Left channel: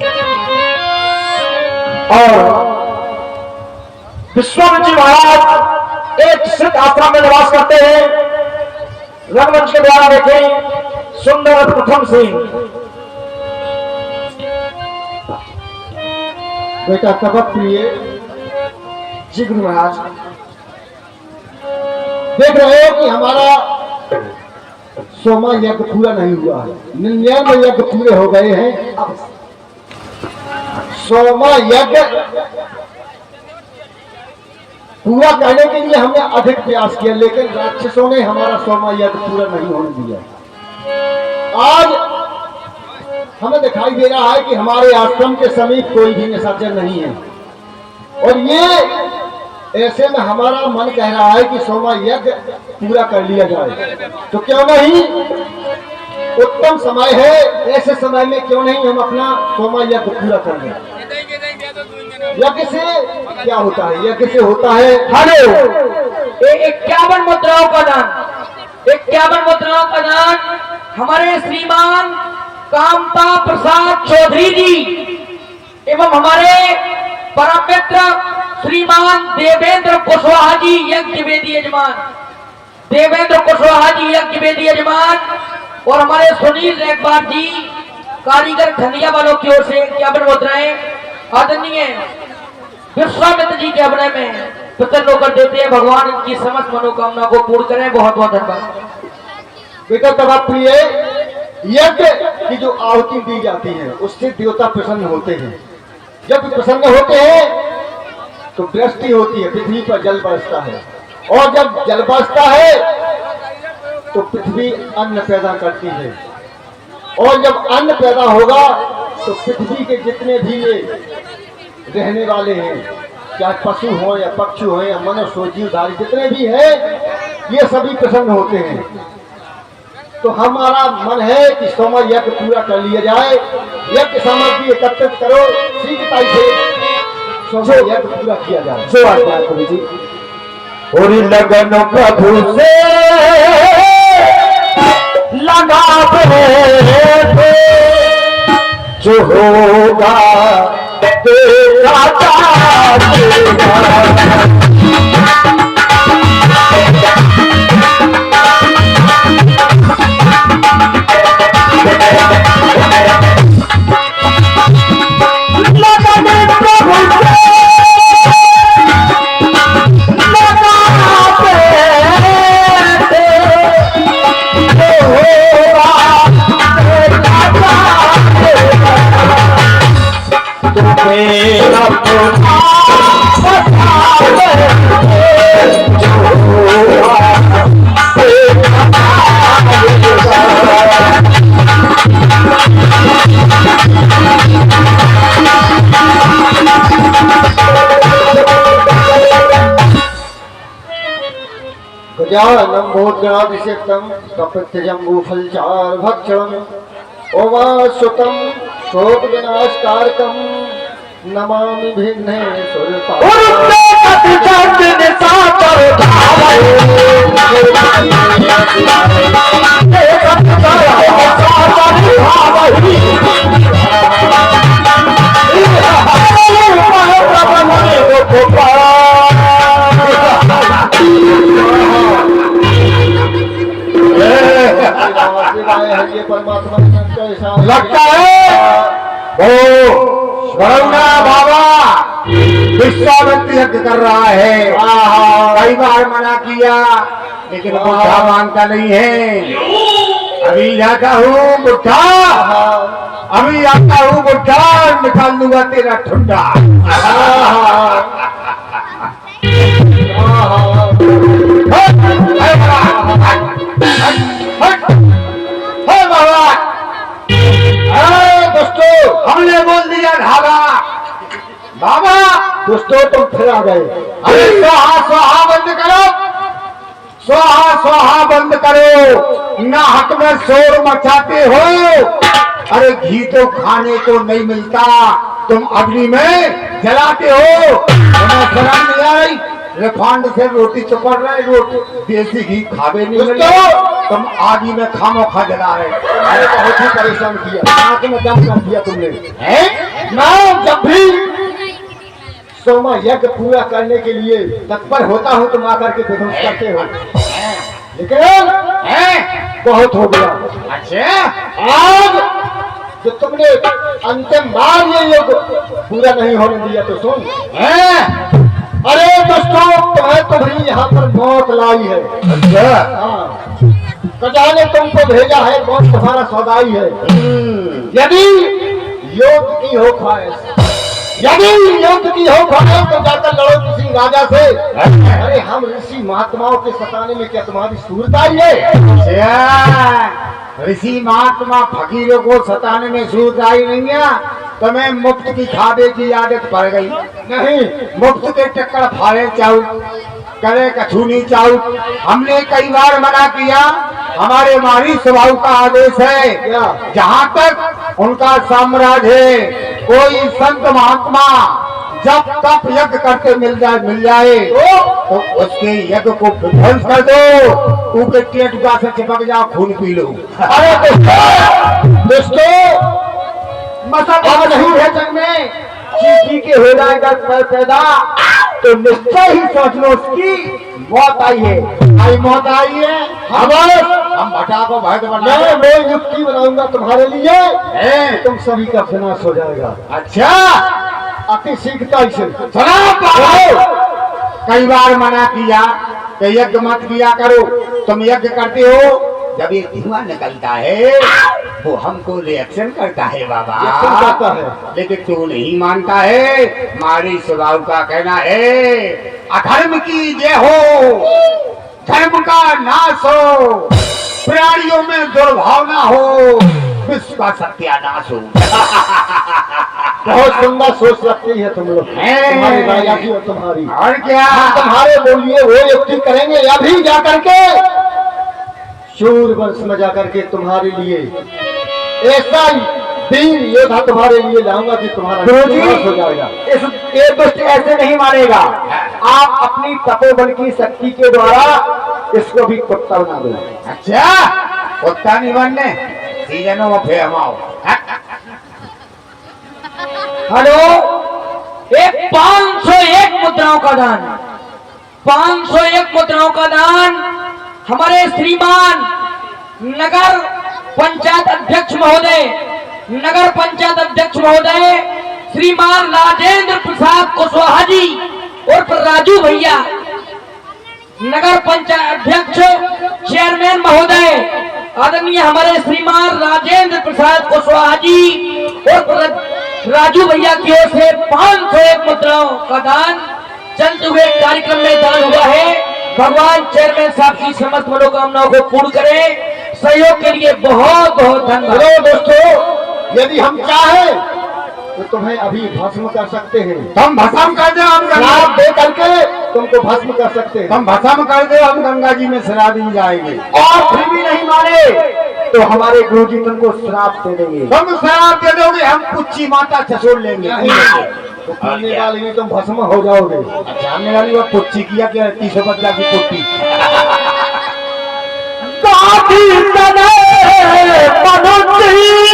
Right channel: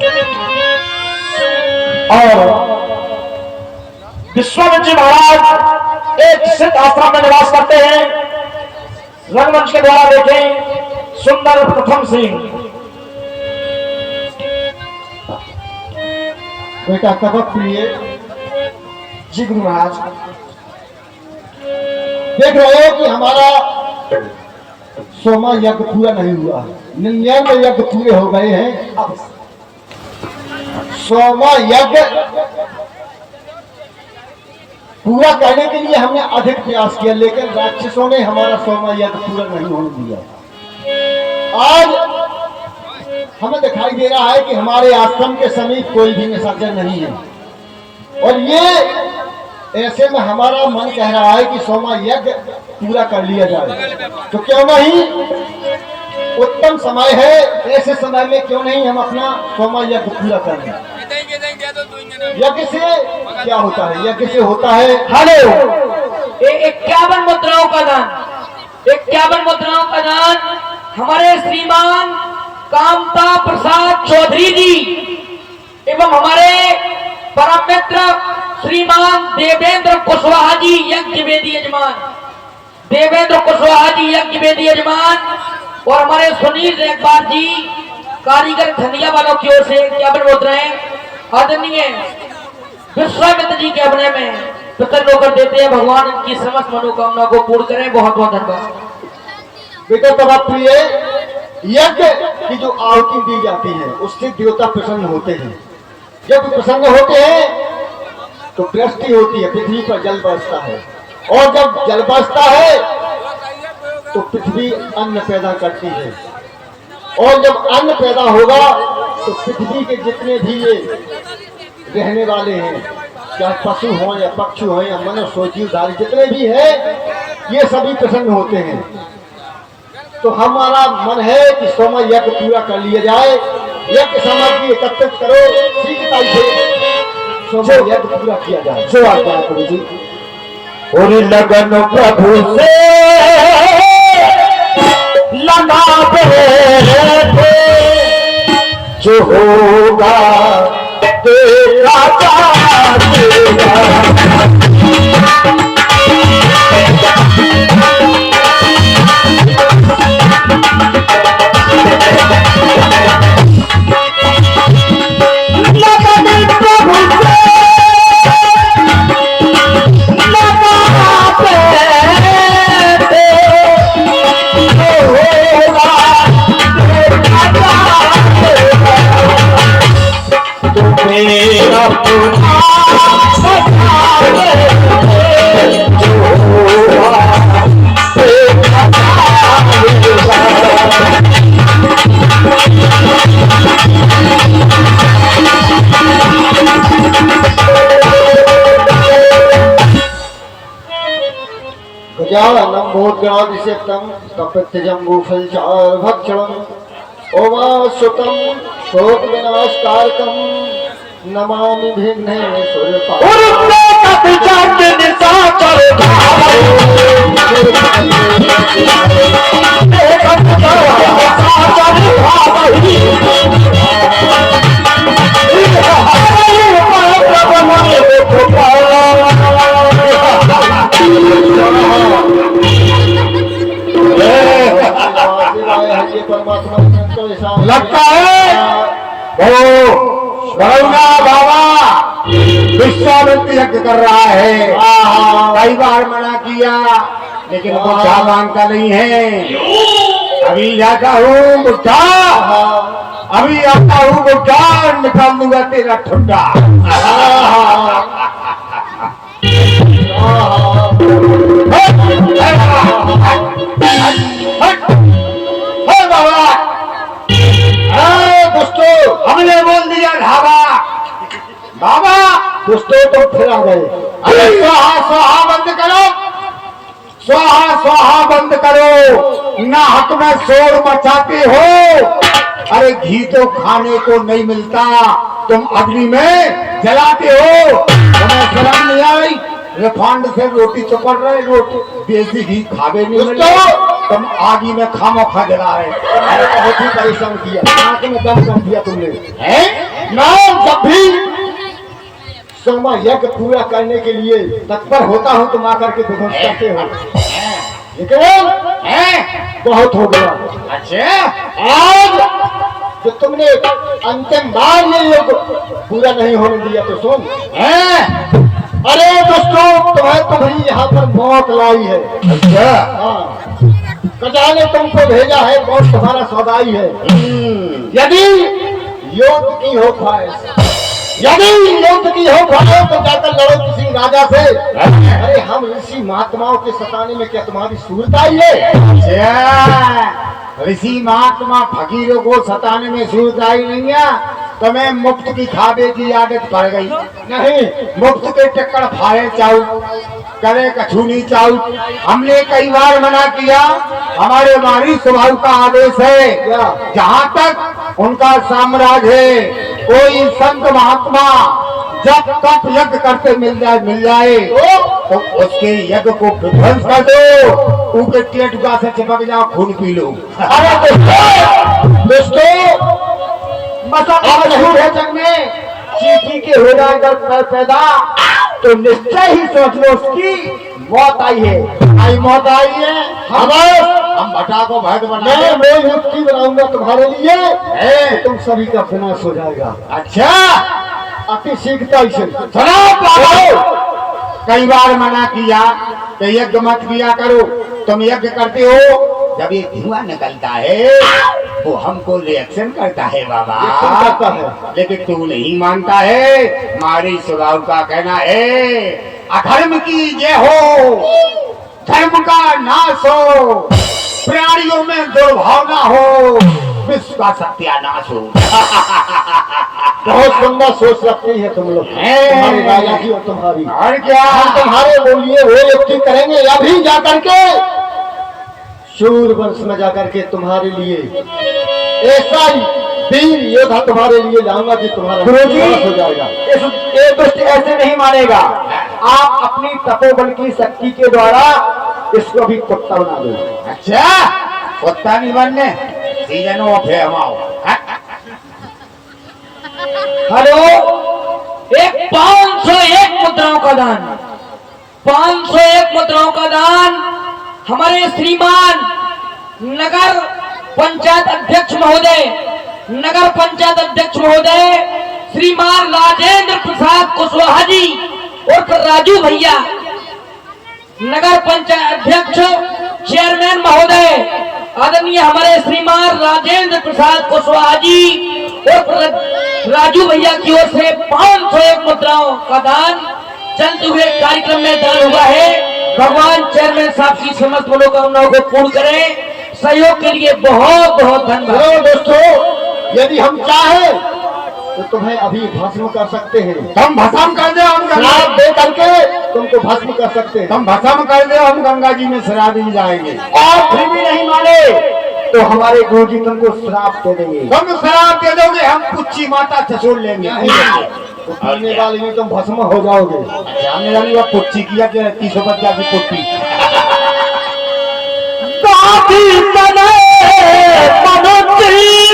और विश्वामित्र जी महाराज एक सिद्ध आश्रम में निवास करते हैं। रंगमंच के द्वारा देखें सुंदर प्रथम सिंह। बेटा तपक प्रिय जी गुरु महाराज। देख रहे हो कि हमारा सोमा यज्ञ पूरा नहीं हुआ, 99 यज्ञ पूरे हो गए हैं। सोमा यज्ञ पूरा करने के लिए हमने अधिक प्रयास किया, लेकिन राक्षसों ने हमारा सोमा यज्ञ पूरा नहीं होने दिया। आज हमें दिखाई दे रहा है कि हमारे आश्रम के समीप कोई भी निशाचर नहीं है, और ये ऐसे में हमारा मन कह रहा है कि सोमा यज्ञ पूरा कर लिया जाए। तो क्यों नहीं, उत्तम समय है, ऐसे समय में क्यों नहीं हम अपना सोमा यज्ञ पूरा कर लें। यज्ञ से क्या होता है? यज्ञ से होता है हेलो 51 मुद्राओं का दान, 51 मुद्राओं का दान हमारे श्रीमान कामता प्रसाद चौधरी जी एवं हमारे परम मित्र श्रीमान देवेंद्र कुशवाहा जी यज्ञ वेदी यजमान, देवेंद्र कुशवाहा जी यज्ञ वेदी यजमान, और हमारे सुनील रेखबार जी कारीगर धनिया वालों की ओर से 51 मुद्राएं आदरणीय विश्वामित्र जी के अपने में प्रसन्न होकर देते हैं। भगवान इनकी समस्त मनोकामना को पूर्ण करें। बहुत बहुत धन्यवाद। बेटा तब प्रिय यज्ञ की जो आहुति दी जाती है उससे देवता प्रसन्न होते हैं। जब प्रसन्न होते हैं तो वृष्टि होती है, पृथ्वी पर जल बरसता है, और जब जल बरसता है तो पृथ्वी अन्न पैदा करती है, और जब अन्न पैदा होगा तो पृथ्वी के जितने भी ये रहने वाले हैं, चाहे पशु हो या पक्षी हो या मनुष्य हो, जीवधारी जितने भी हैं, ये सभी प्रसन्न होते हैं। तो हमारा मन है कि सोमा यज्ञ पूरा कर लिया जाए। यज्ञ सामग्री एकत्रित करो, शीघ्रता से सोमा यज्ञ पूरा किया जाए। जो आज्ञा प्रभु जी। और लगन प्रभु से लगा थे जो होगा तेरा तेरा। फलचार भक्षणम ओवासुतम शोक विनाशकारकम नमामि विघ्नेश्वर लगता है वो गौरा बाबा विश्वामित्र यज्ञ कर रहा है। कई बार मना किया लेकिन बुढ़ा मानता नहीं है। अभी जाता हूँ बुढ़ा, अभी आता हूँ बुढ़ा, निकाल दूंगा तेरा ठुंडा। दोस्तों हमने बोल दिया धागा बाबा, दोस्तों तुम फिर आ गए। अरे स्वाहा स्वाहा बंद करो, स्वाहा स्वाहा बंद करो, ना हक में शोर मचाते हो। अरे घी तो खाने को नहीं मिलता, तुम अग्नि में जलाते हो। तुम्हें शर्म नहीं आई? रिफाइंड से रोटी चपड़ रहे, रोटी देसी घी खावे नहीं मिलते, तुम आगी में खामो खा जला रहे। बहुत ही परेशान किया, आंख में दम कर दिया तुमने। मैं जब भी सोमा यज्ञ पूरा करने के लिए तत्पर होता हूँ तुम आकर के विध्वंस करते हो, लेकिन बहुत हो गया। अच्छा, आज जो तुमने अंतिम बार ये योग पूरा नहीं होने दिया तो सुन। अरे दोस्तों, तुम्हें तुम्हें यहाँ पर मौत लाई है। अच्छा, हाँ, कजा ने तुमको भेजा है, मौत तुम्हारा सौदाई है। यदि योग की हो ख्वाहिश, यदि युद्ध की हो ख्वाहिश तो जाकर लड़ो किसी राजा से। अरे हम ऋषि महात्माओं के सताने में क्या तुम्हारी सूरत आई है? अच्छा, ऋषि महात्मा फकीरों को सताने में सूरत आई नहीं है, तुम्हें मुफ्त की खाबे की आदत पड़ गई। नहीं, मुफ्त के टक्कर फाड़े चाऊ, करे कछूनी चाऊ। हमने कई बार मना किया, हमारे मारी स्वभाव का आदेश है। क्या? जहाँ तक उनका साम्राज्य है, कोई संत महात्मा जब तक यज्ञ करते मिल जाए तो उसके यज्ञ को विध्वंस कर दो, ऊपर टेटुका से चिपक जाओ, खून पी लो। अरे दोस्तों, अब नहीं है जग में चीटी के हो जाएगा पैदा तो निश्चय ही सोच लो उसकी मौत आई है। आई मौत आई है, हम भटा को भट बना। मैं युक्ति बनाऊंगा तुम्हारे लिए, तुम सभी का विनाश हो जाएगा। अच्छा, अति शीघ्रता से कई बार मना किया कि यज्ञ मत किया करो, तुम यज्ञ करते हो, जब ये धुआं निकलता है वो हमको रिएक्शन करता है बाबा, करता है। लेकिन तू नहीं मानता है। हमारी स्वभाव का कहना है, अधर्म की जय हो, धर्म का नाश हो, प्राणियों में दुर्भावना हो, विश्व का सत्यानाश हो। बहुत सुंदर सोच रखती है तुम लोग, तुम्हारे राजा की और तुम्हारी। और क्या, हम तुम्हारे बोलिए वो युक्ति करेंगे, अभी जाकर के शूर वर्ष में जाकर के तुम्हारे लिए ऐसा वीर योद्धा तुम्हारे लिए लाऊंगा कि तुम्हारा विनाश हो जाएगा। ये दुष्ट ऐसे नहीं मानेगा। आप अपनी तपोबल की शक्ति के द्वारा इसको भी कुत्ता बना दो। अच्छा, कुत्ता नहीं बनने, सीजनों पे हमाओ। हेलो, एक 501 मुद्राओं का दान, 501 मुद्राओं का दान हमारे श्रीमान नगर पंचायत अध्यक्ष महोदय, नगर पंचायत अध्यक्ष महोदय श्रीमान राजेंद्र प्रसाद कुशवाहा जी उर्फ राजू भैया, नगर पंचायत अध्यक्ष चेयरमैन महोदय आदरणीय हमारे श्रीमान राजेंद्र प्रसाद कुशवाहा जी उर्फ राजू भैया की ओर से 501 मुद्राओं का दान चलते हुए कार्यक्रम में दान हुआ है। भगवान चेयरमैन साहब की समस्त मनोकामनाओं को पूर्ण करें। सहयोग के लिए बहुत बहुत धन्यवाद। हेलो दोस्तों, यदि हम चाहें तो तुम्हें अभी भस्म कर सकते हैं। तुम भस्म कर दो, हम शराब दे करके तुमको भस्म कर सकते हैं। तुम भस्म कर दो, हम गंगा जी में शराब भी जाएंगे। और फिर भी नहीं माने तो हमारे गुरु जी तुमको श्राप दे देंगे। तुम शराब दे दोगे, हम कुच्ची माता छछोड़ लेंगे। तो पीने वाले में तुम भस्म हो जाओगे। सामने वाली वो कुच्ची किया कि 350 की कुट्टी। मनुष्य